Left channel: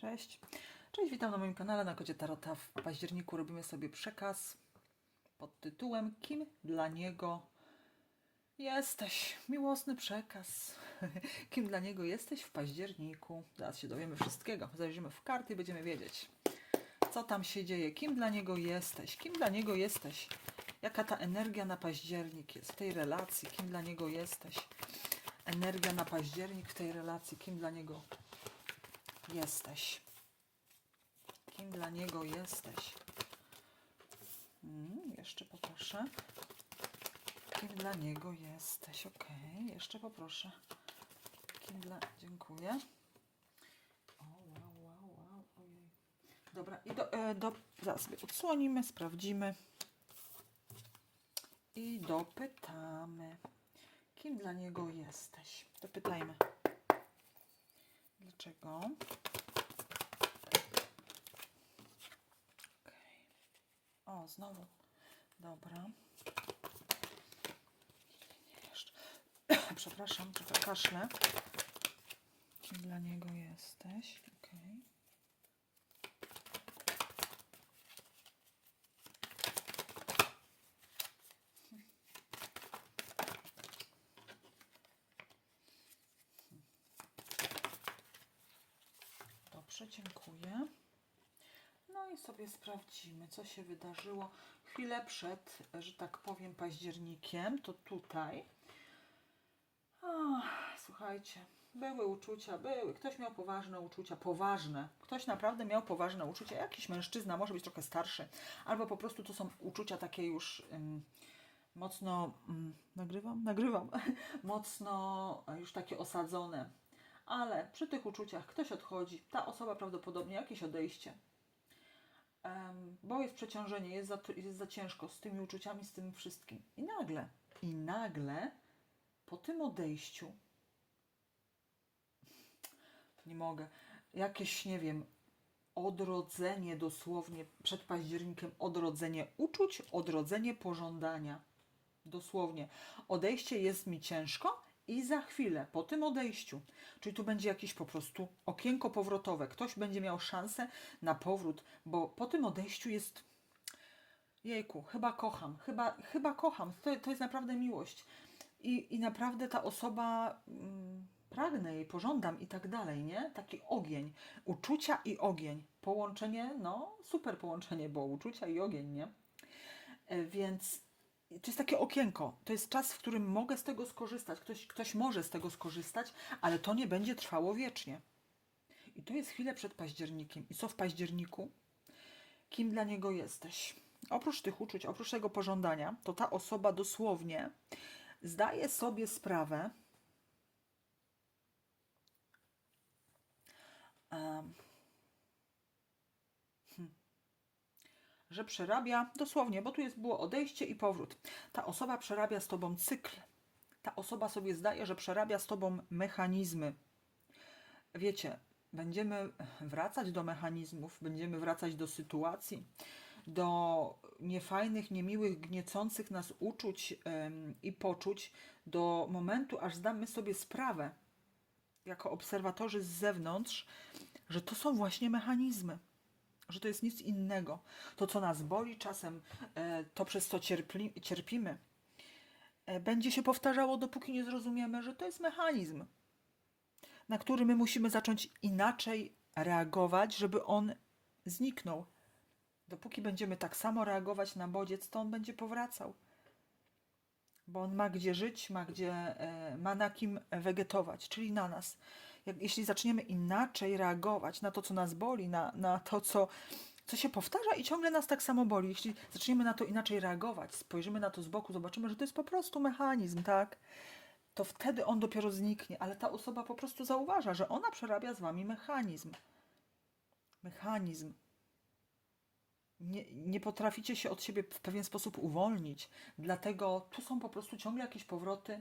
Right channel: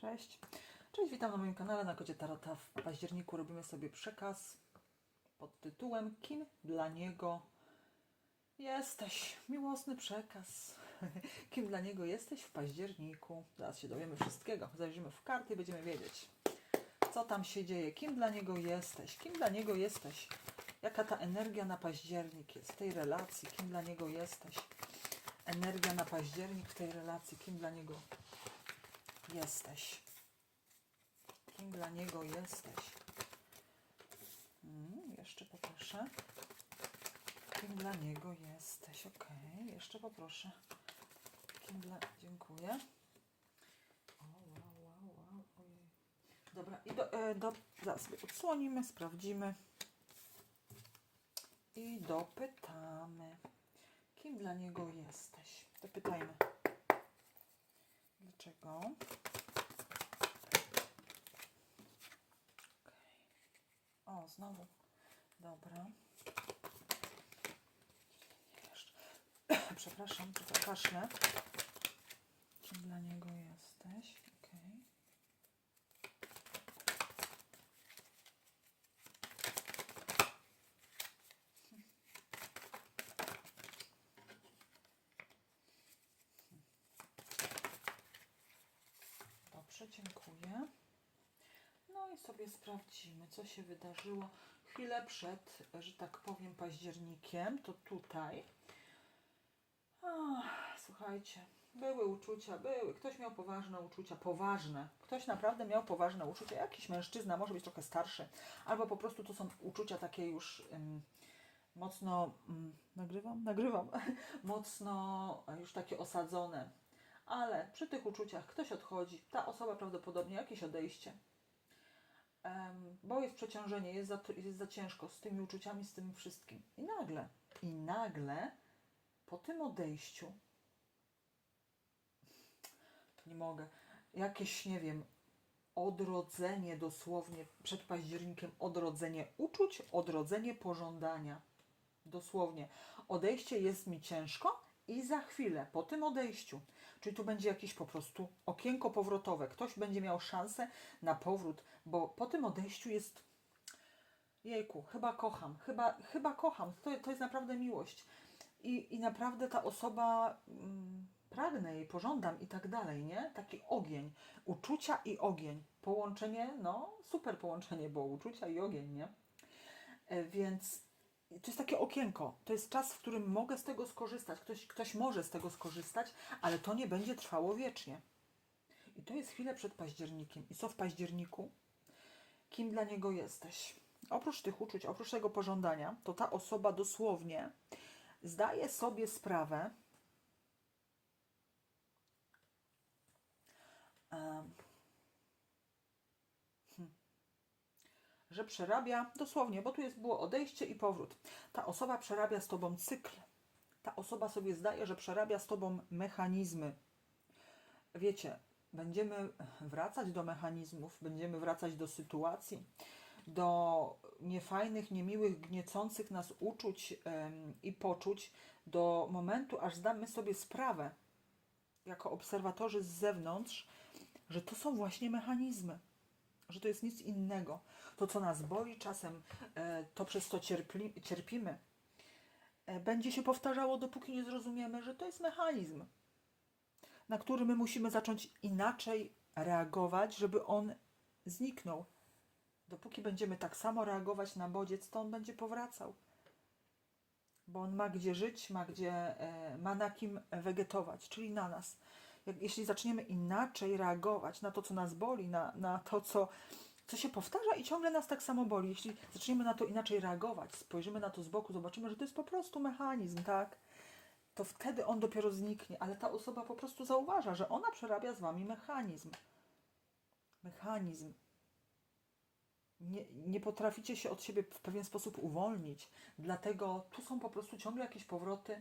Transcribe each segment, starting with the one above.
Cześć. Cześć, witam na moim kanale na Kodzie Tarota. W październiku robimy sobie przekaz pod tytułem Kim dla niego jesteś? Miłosny przekaz. Kim dla niego jesteś w październiku? Zaraz się dowiemy wszystkiego. Zajrzymy w karty i będziemy wiedzieć, co tam się dzieje. Kim dla niego jesteś? Kim dla niego jesteś? Jaka ta energia na październik jest w tej relacji? Kim dla niego jesteś? Energia na październik w tej relacji. Kim dla niego jesteś? Kim dla niego jesteś? Mm, jeszcze poproszę. Kim dla niego jesteś? Ok, jeszcze poproszę. Kim dla... Dziękuję. O, wow, wow, wow, ojej. Dobra, i do, e, do, zaraz sobie odsłonimy, sprawdzimy. I dopytamy. Kim dla niego jesteś? Dopytajmy. Dlaczego? Okej. O, znowu. Dobra. Nie, jeszcze. Przepraszam, tylko kaszlę. Kim dla niego jesteś? Okej. Dobrze, dziękuję. No i sobie sprawdzimy, co się wydarzyło chwilę przed, że tak powiem, październikiem. To tutaj. Ach, słuchajcie, były uczucia, były. Ktoś miał poważne uczucia, poważne. Ktoś naprawdę miał poważne uczucia. Jakiś mężczyzna, może być trochę starszy, albo po prostu to są uczucia takie już mocno. Ym, nagrywam? Nagrywam. mocno już takie osadzone. Ale przy tych uczuciach ktoś odchodzi, ta osoba prawdopodobnie jakieś odejście, bo jest przeciążenie, jest za, jest za ciężko z tymi uczuciami, z tym wszystkim. I nagle, i nagle po tym odejściu, nie mogę, jakieś, nie wiem, odrodzenie dosłownie przed październikiem, odrodzenie uczuć, odrodzenie pożądania. Dosłownie. Odejście jest mi ciężko i za chwilę, po tym odejściu, czyli tu będzie jakieś po prostu okienko powrotowe, ktoś będzie miał szansę na powrót, bo po tym odejściu jest jejku, chyba kocham, chyba, chyba kocham, to, to jest naprawdę miłość. I, I naprawdę ta osoba, mm, pragnę jej, pożądam i tak dalej, nie? Taki ogień, uczucia i ogień. Połączenie, no super połączenie, bo uczucia i ogień, nie? E, Więc to jest takie okienko. To jest czas, w którym mogę z tego skorzystać. Ktoś, ktoś może z tego skorzystać, ale to nie będzie trwało wiecznie. I tu jest chwilę przed październikiem. I co w październiku? Kim dla niego jesteś? Oprócz tych uczuć, oprócz tego pożądania, to ta osoba dosłownie zdaje sobie sprawę, em, że przerabia dosłownie, bo tu jest było odejście i powrót. Ta osoba przerabia z tobą cykl. Ta osoba sobie zdaje, że przerabia z tobą mechanizmy. Wiecie, będziemy wracać do mechanizmów, będziemy wracać do sytuacji, do niefajnych, niemiłych, gniecących nas uczuć i poczuć, do momentu, aż zdamy sobie sprawę, jako obserwatorzy z zewnątrz, że to są właśnie mechanizmy że to jest nic innego. To, co nas boli czasem, e, to przez co cierpli, cierpimy, e, będzie się powtarzało, dopóki nie zrozumiemy, że to jest mechanizm, na który my musimy zacząć inaczej reagować, żeby on zniknął. Dopóki będziemy tak samo reagować na bodziec, to on będzie powracał. Bo on ma gdzie żyć, ma gdzie, e, ma na kim wegetować, czyli na nas. Jak, jeśli zaczniemy inaczej reagować na to, co nas boli, na, na to, co, co się powtarza i ciągle nas tak samo boli, jeśli zaczniemy na to inaczej reagować, spojrzymy na to z boku, zobaczymy, że to jest po prostu mechanizm, tak? To wtedy on dopiero zniknie, ale ta osoba po prostu zauważa, że ona przerabia z wami mechanizm. Mechanizm. Nie, nie potraficie się od siebie w pewien sposób uwolnić, dlatego tu są po prostu ciągle jakieś powroty.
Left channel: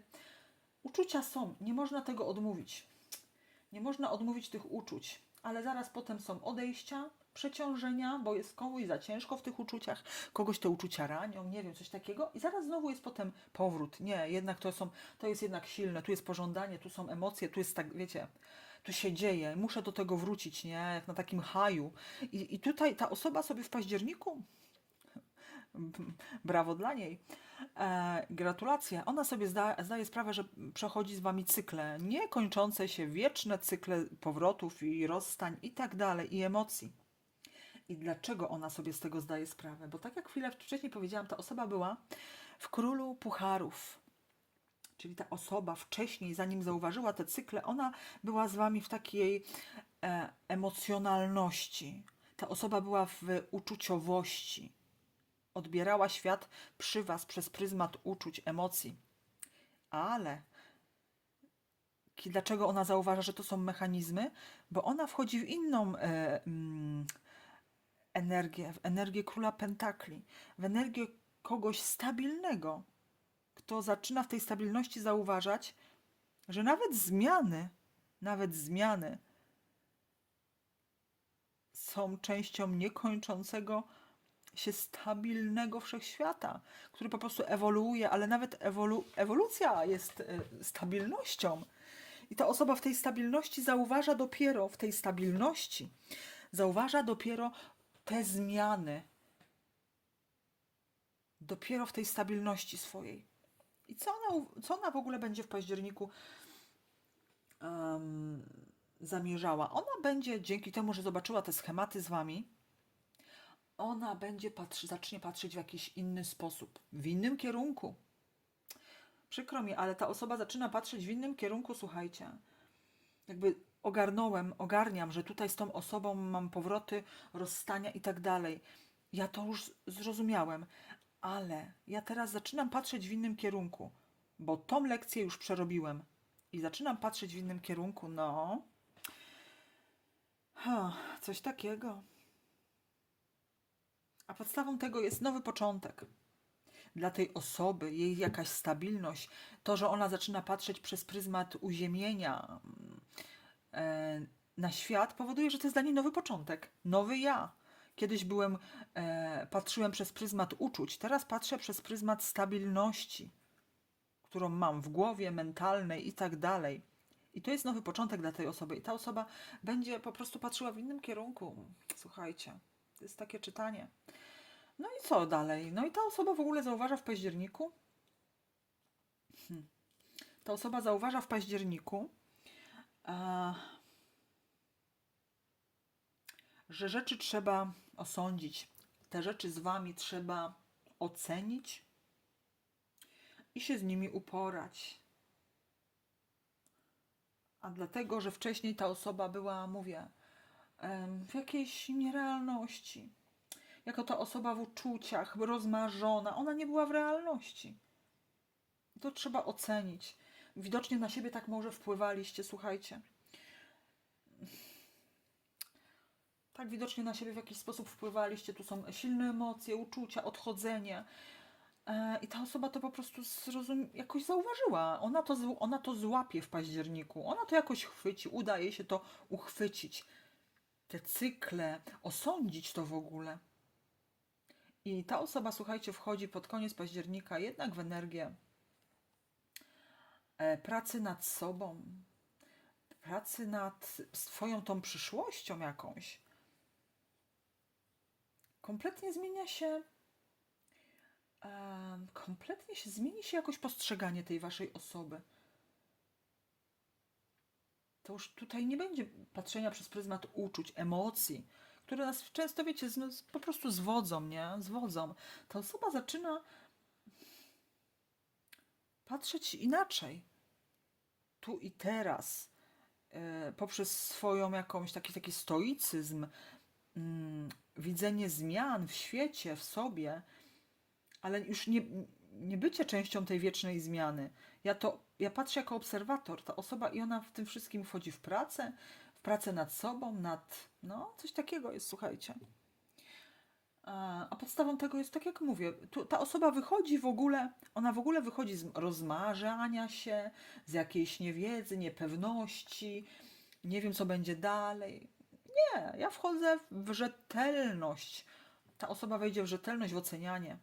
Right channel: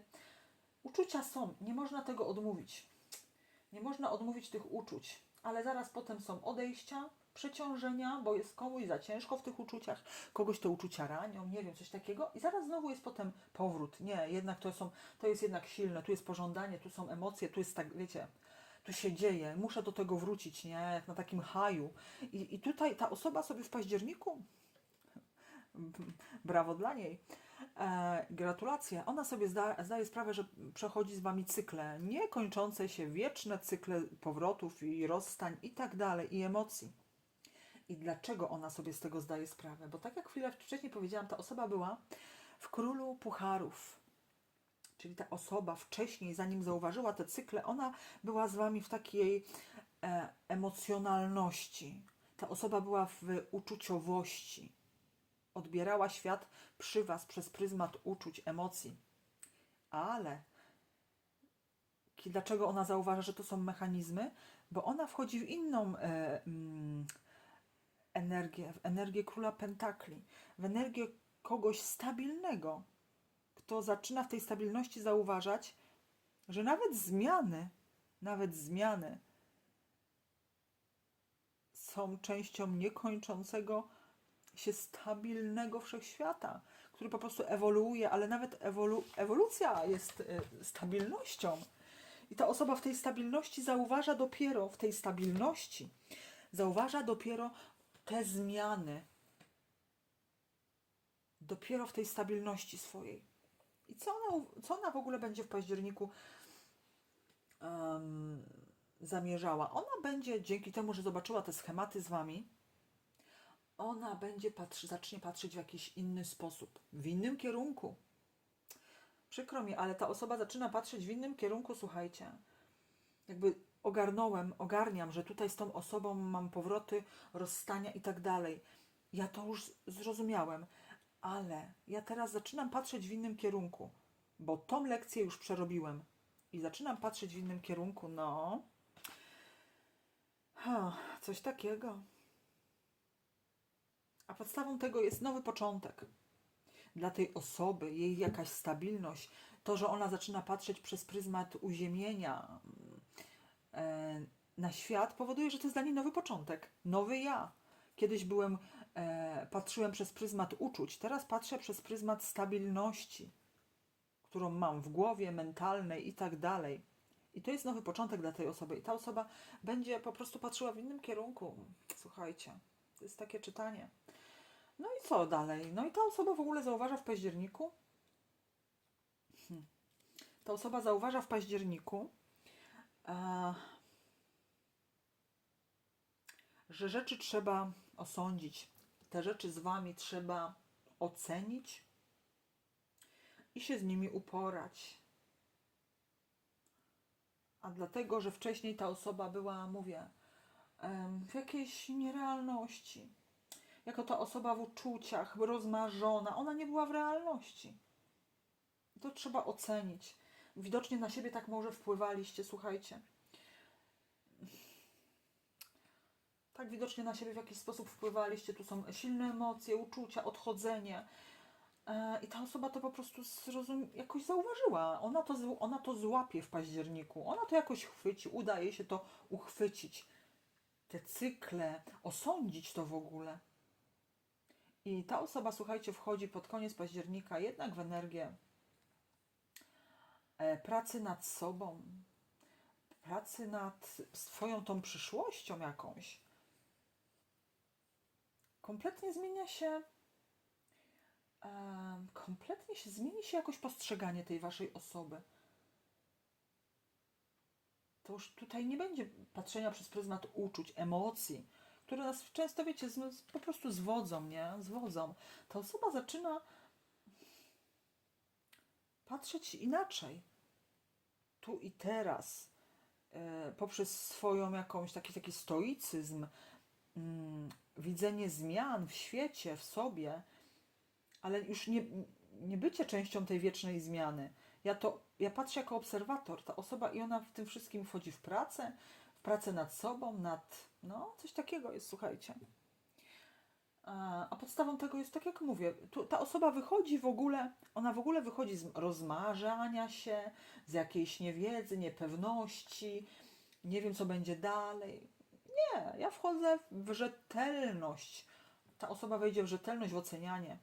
Uczucia są, nie można tego odmówić. Nie można odmówić tych uczuć, ale zaraz potem są odejścia, przeciążenia, bo jest komuś za ciężko w tych uczuciach, kogoś te uczucia ranią, nie wiem, coś takiego i zaraz znowu jest potem powrót. Nie, jednak to są, to jest jednak silne, tu jest pożądanie, tu są emocje, tu jest tak, wiecie, tu się dzieje, muszę do tego wrócić, nie? Jak na takim haju. I, i tutaj ta osoba sobie w październiku, brawo dla niej, e, gratulacje, ona sobie zda, zdaje sprawę, że przechodzi z wami cykle, niekończące się, wieczne cykle powrotów i rozstań i tak dalej, i emocji. I dlaczego ona sobie z tego zdaje sprawę? Bo tak jak chwilę wcześniej powiedziałam, ta osoba była w królu pucharów. Czyli ta osoba wcześniej, zanim zauważyła te cykle, ona była z wami w takiej e, emocjonalności. Ta osoba była w uczuciowości. Odbierała świat przy was przez pryzmat uczuć, emocji. Ale dlaczego ona zauważa, że to są mechanizmy? Bo ona wchodzi w inną e, mm, energię, w energię króla pentakli, w energię kogoś stabilnego, kto zaczyna w tej stabilności zauważać, że nawet zmiany, nawet zmiany są częścią niekończącego się stabilnego wszechświata, który po prostu ewoluuje, ale nawet ewolu ewolucja jest e, stabilnością. I ta osoba w tej stabilności zauważa dopiero w tej stabilności, zauważa dopiero te zmiany. Dopiero w tej stabilności swojej. I co ona, co ona w ogóle będzie w październiku em, zamierzała? Ona będzie, dzięki temu, że zobaczyła te schematy z wami, ona będzie patrzy, zacznie patrzeć w jakiś inny sposób, w innym kierunku. Przykro mi, ale ta osoba zaczyna patrzeć w innym kierunku, słuchajcie. Jakby ogarnąłem, ogarniam, że tutaj z tą osobą mam powroty, rozstania i tak dalej. Ja to już zrozumiałem, ale ja teraz zaczynam patrzeć w innym kierunku, bo tą lekcję już przerobiłem i zaczynam patrzeć w innym kierunku. No, ha, coś takiego. A podstawą tego jest nowy początek. Dla tej osoby, jej jakaś stabilność, to, że ona zaczyna patrzeć przez pryzmat uziemienia e, na świat, powoduje, że to jest dla niej nowy początek, nowy ja. Kiedyś byłem, e, patrzyłem przez pryzmat uczuć, teraz patrzę przez pryzmat stabilności, którą mam w głowie, mentalnej i tak dalej. I to jest nowy początek dla tej osoby. I ta osoba będzie po prostu patrzyła w innym kierunku. Słuchajcie, to jest takie czytanie. Co dalej? No i ta osoba w ogóle zauważa w październiku. Hmm. Ta osoba zauważa w październiku, e, że rzeczy trzeba osądzić. Te rzeczy z wami trzeba ocenić i się z nimi uporać. A dlatego, że wcześniej ta osoba była, mówię, w jakiejś nierealności jako ta osoba w uczuciach, rozmarzona, ona nie była w realności. To trzeba ocenić. Widocznie na siebie tak może wpływaliście, słuchajcie. Tak widocznie na siebie w jakiś sposób wpływaliście. Tu są silne emocje, uczucia, odchodzenie. E, I ta osoba to po prostu zrozum- jakoś zauważyła. Ona to, ona to złapie w październiku. Ona to jakoś chwyci. Udaje się to uchwycić. Te cykle, osądzić to w ogóle. I ta osoba, słuchajcie, wchodzi pod koniec października jednak w energię e, pracy nad sobą, pracy nad swoją tą przyszłością jakąś. Kompletnie zmienia się, e, kompletnie się zmieni się jakoś postrzeganie tej waszej osoby. To już tutaj nie będzie patrzenia przez pryzmat uczuć, emocji, które nas często, wiecie, z, po prostu zwodzą, nie? Zwodzą. Ta osoba zaczyna patrzeć inaczej. Tu i teraz. E, poprzez swoją jakąś taki, taki stoicyzm, mm, widzenie zmian w świecie, w sobie, ale już nie, nie bycie częścią tej wiecznej zmiany. Ja to, ja patrzę jako obserwator, ta osoba i ona w tym wszystkim wchodzi w pracę, w pracę nad sobą, nad, no, coś takiego jest, słuchajcie. A, podstawą tego jest, tak jak mówię, tu, ta osoba wychodzi w ogóle, ona w ogóle wychodzi z rozmarzania się, z jakiejś niewiedzy, niepewności, nie wiem, co będzie dalej. Nie, ja wchodzę w rzetelność. Ta osoba wejdzie w rzetelność, w ocenianie.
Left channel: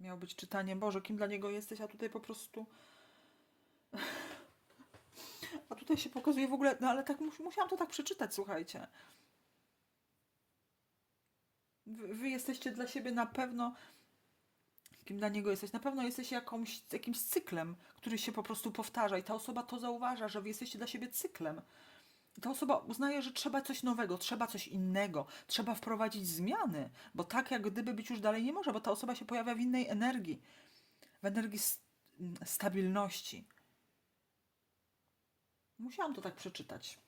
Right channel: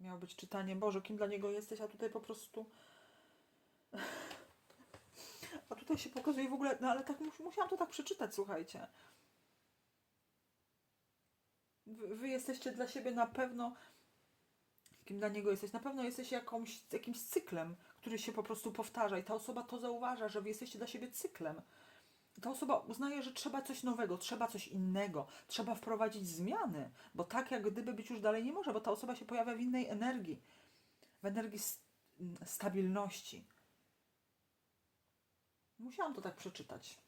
Miało być czytanie, Boże, kim dla niego jesteś, a tutaj po prostu A tutaj się pokazuje w ogóle, no ale tak mus- musiałam to tak przeczytać, słuchajcie. Wy, wy jesteście dla siebie na pewno, kim dla niego jesteś, na pewno jesteś jakąś, jakimś cyklem, który się po prostu powtarza i ta osoba to zauważa, że wy jesteście dla siebie cyklem. Ta osoba uznaje, że trzeba coś nowego, trzeba coś innego, trzeba wprowadzić zmiany, bo tak jak gdyby być już dalej nie może, bo ta osoba się pojawia w innej energii, w energii stabilności. Musiałam to tak przeczytać.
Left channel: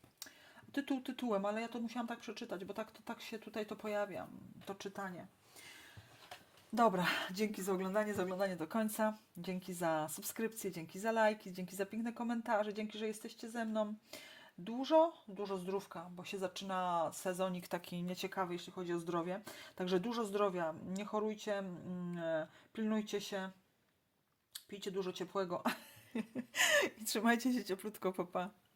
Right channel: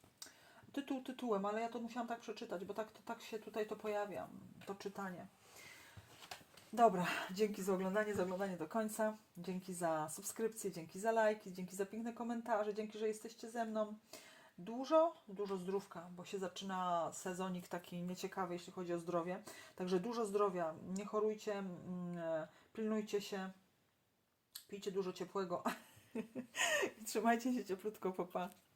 Tytuł tytułem, ale ja to musiałam tak przeczytać, bo tak, to, tak się tutaj to pojawia, to czytanie. Dobra, dzięki za oglądanie, za oglądanie do końca. Dzięki za subskrypcję, dzięki za lajki, dzięki za piękne komentarze, dzięki, że jesteście ze mną. Dużo, dużo zdrówka, bo się zaczyna sezonik taki nieciekawy, jeśli chodzi o zdrowie. Także dużo zdrowia, nie chorujcie, mm, e, pilnujcie się, pijcie dużo ciepłego i trzymajcie się cieplutko, papa. Pa.